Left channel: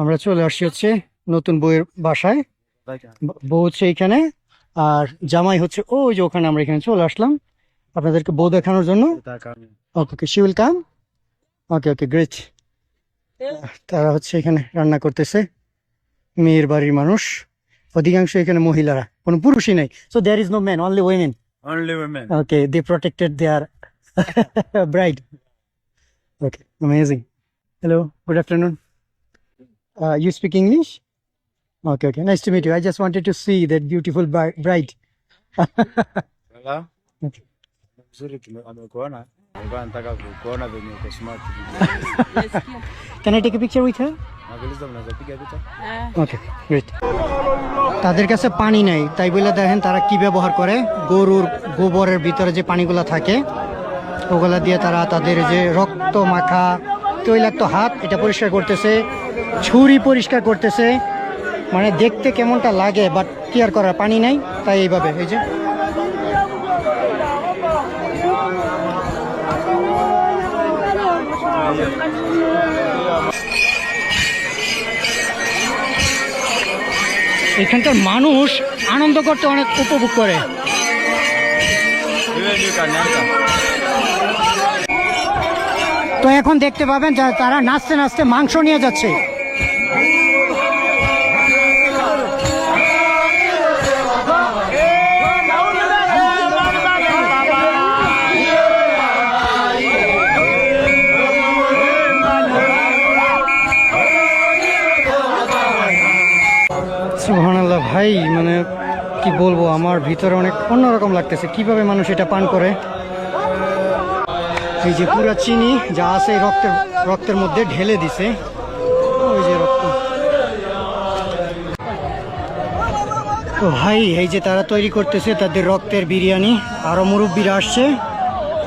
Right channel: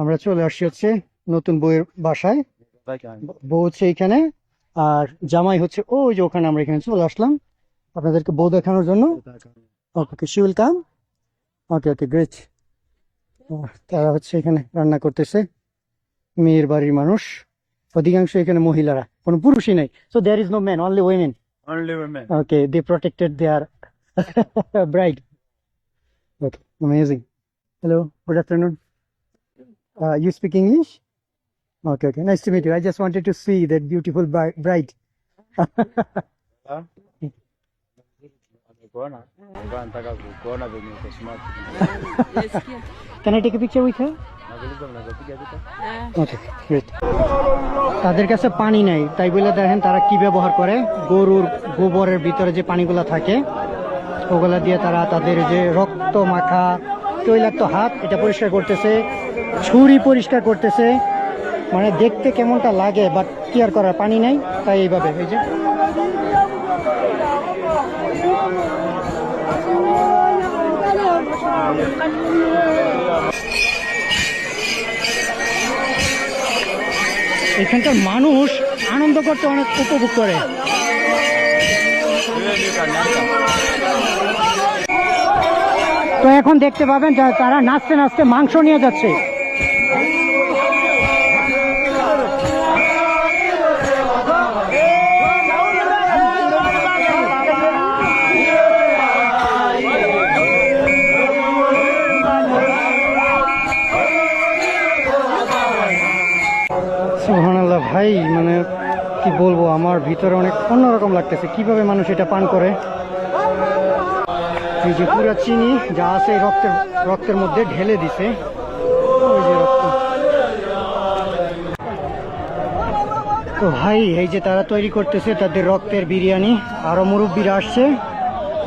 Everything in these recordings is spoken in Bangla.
আমরা চলে আসছি হচ্ছে নতুন বউয়ের বাসায়। বউ হচ্ছে এইখানে, আর জামাই হচ্ছে ওই যে ওখানে। আমরা এখানে চলে আসলাম আপনাদেরকে বউ দেখানোর জন্য। Okay okay, she will come. Okay okay, great. তারা হচ্ছে এখানে রান্না করতেছে, মেয়ের বাড়ির মানুষ। অধিকাংশ এখানে মহিলারা, কোনো পুরুষই নাই। So there is no man, only women. Only women. Okay, they protected their bride. Okay, amazing. Hello, good afternoon. You speak English? Okay, okay. Nice to meet you. I just wanted to see that beautiful bride. Hello? Okay. Mzuri amekuona. Nilikuwa nataka kukuona venye uko smart. Can I take a picture with her? Nauliza mnaweza piga picha? Okay, great. তাদের কাছে পানি নাই, তাই বলে দেখেন তারা কি ব্যবহার করে। গরুর গোবরের ভিতরে যে পানিগুলা থাকে ওগুলা দিয়ে তারা তাদের যে রক্ত মাখা তৈলাক্ত হাত এটা পরিষ্কার করতেছে, ছুরি পরিষ্কার করতেছে। মানে দেখতে কেমনটা লাগে, বাট কেয়ার করার পানি নাই, তাই এইভাবে। এই যে এখানকার মানুষ আনন্দ করতে অনেক উপভোগ করে। তো এখন দেখতে পাবেন যে তারা নাচতে নাচতে মাংস নিয়ে যাচ্ছে। সুবহানাল্লাহ ভাই, মানে কি বলবো, আমার ভিতরে অনেক অন্যরকম লাগতেছে কিভাবে মানুষ এটা পান করে। এই যে পুরো চিনি যা আছে রক্তের মধ্যে ঢেলে দিছে। ওই যে রক্ত। তো ভাই এই যে তারা তৈরি করতেছে তাদের রক্তের বিরিয়ানি। আরো মুরব্বীরা আসছে,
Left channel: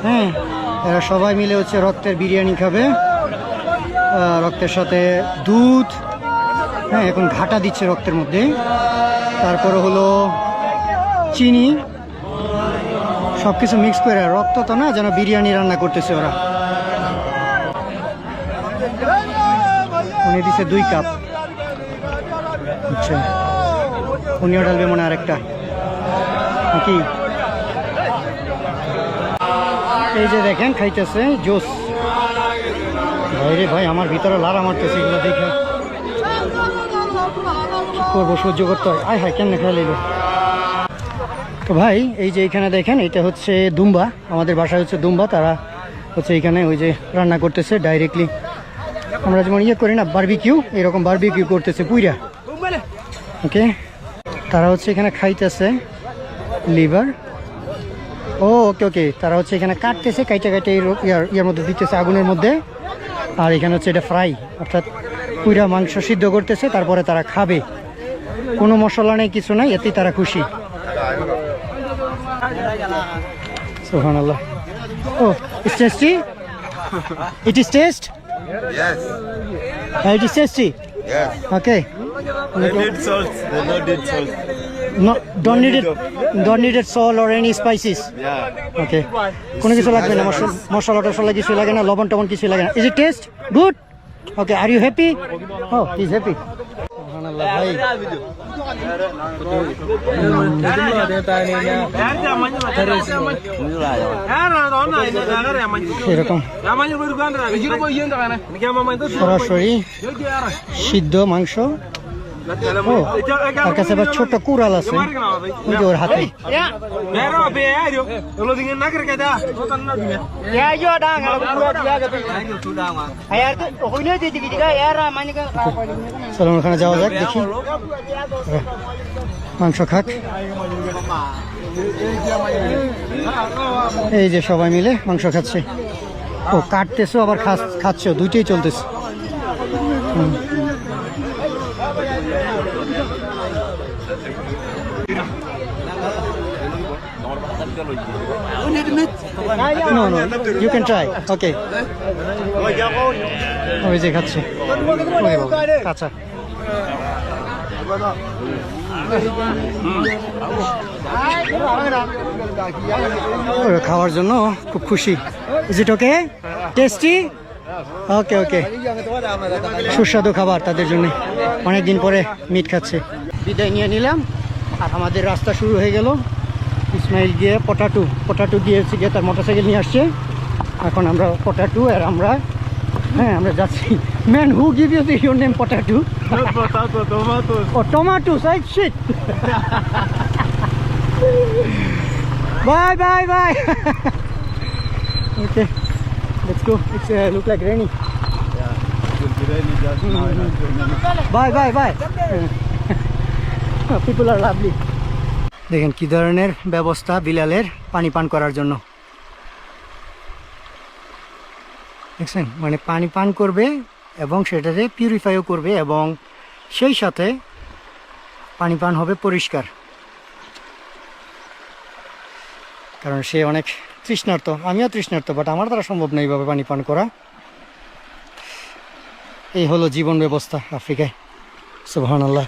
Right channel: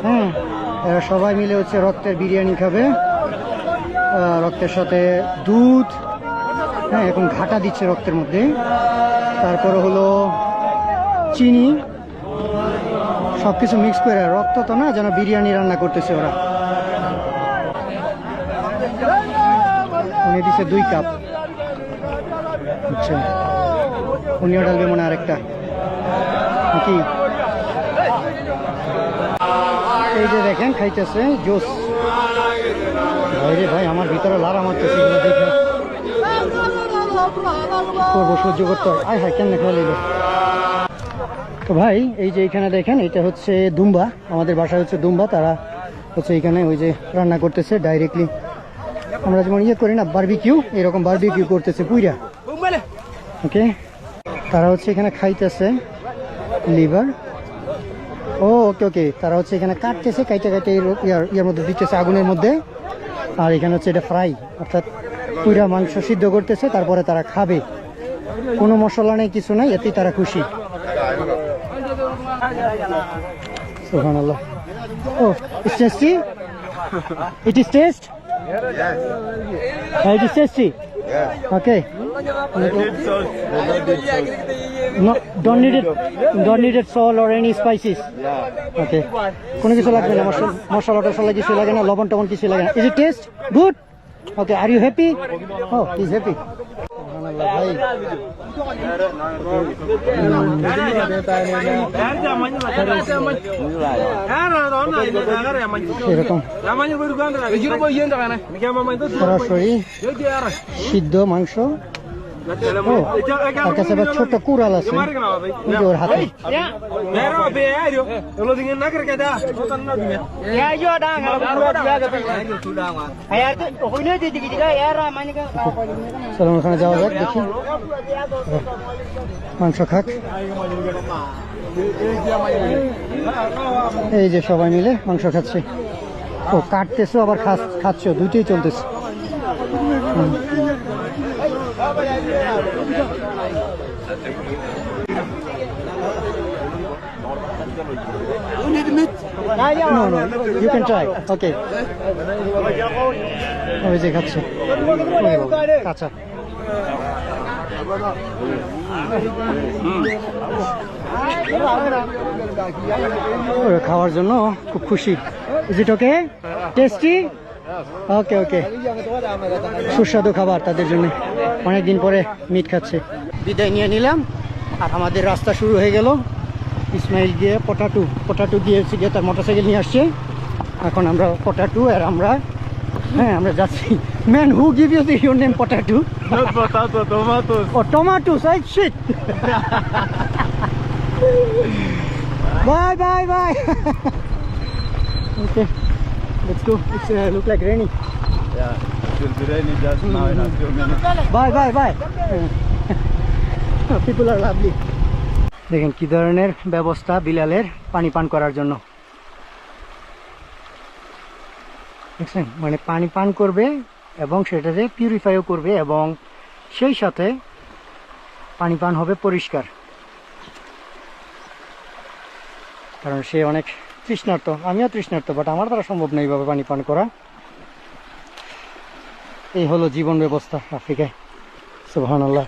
হ্যাঁ, এরা সবাই মিলে হচ্ছে রক্তের বিরিয়ানি খাবে, রক্তের সাথে দুধ। হ্যাঁ, এখন ঘাটা দিচ্ছে রক্তের মধ্যে, তারপরে হলো চিনি, সবকিছু মিক্স করে। রক্ত তো না, যেন বিরিয়ানি রান্না করতেছে ওরা। উনি দিচ্ছে 2 কাপ। আচ্ছা, উনিও ডালবে মনে আরেকটা নাকি। এই যে দেখেন খাইতেছে জুস। ভাই রে ভাই, আমার ভিতরে লাড়া মারতেছে এগুলো দেখে। করবো, সহ্য করতে হয়। আয় হায়, কেন খেয়াল এলো। তো ভাই এই যে এখানে দেখেন, এটা হচ্ছে দুম্বা। আমাদের বাসায় হচ্ছে দুম্বা। তারা হচ্ছে এখানে ওই যে রান্না করতেছে ডাইরেক্টলি। আমরা যেমন ইয়ে করি না বারবিকিউ, এরকম বারবিকিউ করতেছে পুইরা। ওকে, তারা হচ্ছে এখানে খাইতেছে লিভার। ও ওকে ওকে, তারা হচ্ছে এখানে কাটতেছে, কাইটে কাইটে ইয়ার মধ্যে দিতেছে, আগুনের মধ্যে। আর এখানে হচ্ছে এটা ফ্রাই, অর্থাৎ পুইরা মাংস সিদ্ধ করতেছে, তারপরে তারা খাবে। কোনো মশলা নেই, কিছু নাই, এতেই তারা খুশি। সুবহানাল্লাহ। Oh, it's tasty? It is taste? Yes. It is tasty? Yes. Okay. They need salt. They don't need salt. No, don't need it salt or any spices. Yeah. Okay. কোনো কিছু লাগবে না, মশলা টশলা কিছু লাগে না, লবণ টবণ কিছু লাগে না। Is it taste good? Okay, are you happy? Oh, he's happy. সুবহানাল্লাহ ভাই। এরকম সরাসরি সিদ্ধ মাংস। ও, তার কাছে আবার ছোট কুড়াল আছে ওর হাতে। চলো ওখানে যাওয়া যাক, দেখি মাংস খাক। এই যে সবাই মিলে মাংস খাচ্ছে। ও, কাটতেছো আবার খাচ্ছ, দুইটাই চলতেছে। No, you can try. Okay. ওই যে খাচ্ছে কাঁচা। খাওয়ার জন্য খুব খুশি। Is it okay? টেস্টি? ওকে ওকে, সুস্বাদু খাবার তাদের জন্য, অনেকদিন পরে মিট খাচ্ছে। বিদায় নিয়ে নিলাম, আর আমাদের রাস্তা শুরু হয়ে গেল। ইসমাইল গিয়ে পটাটু গিয়ে তার মোটরসাইকেল নিয়ে আসছে। এখন আমরা পটাটু, আর আমরা আমরা যাচ্ছি। Man, who give you your name potato? Not potato, tomatoes. ও tomatoes, right? Shit. Bye. Okay, let's go. It's look like raining. Yeah, it will be raining just now in a few minutes. Bye. People are lovely. দেখেন কি ধরনের ব্যবস্থা বিলালের পানি পান করার জন্য। দেখছেন, মানে পানি পান করবে এবং সেটাতে পিউরিফাইও করবে, এবং সেই সাথে পানি পান হবে পরিষ্কার, কারণ সে অনেক তৃষ্ণার্ত। আমিও তৃষ্ণার্ত, বাট আমার দ্বারা সম্ভব নয় এইভাবে পানি পান করা। এই হলো জীবন ব্যবস্থা আফ্রিকায়। সুবহানাল্লাহ।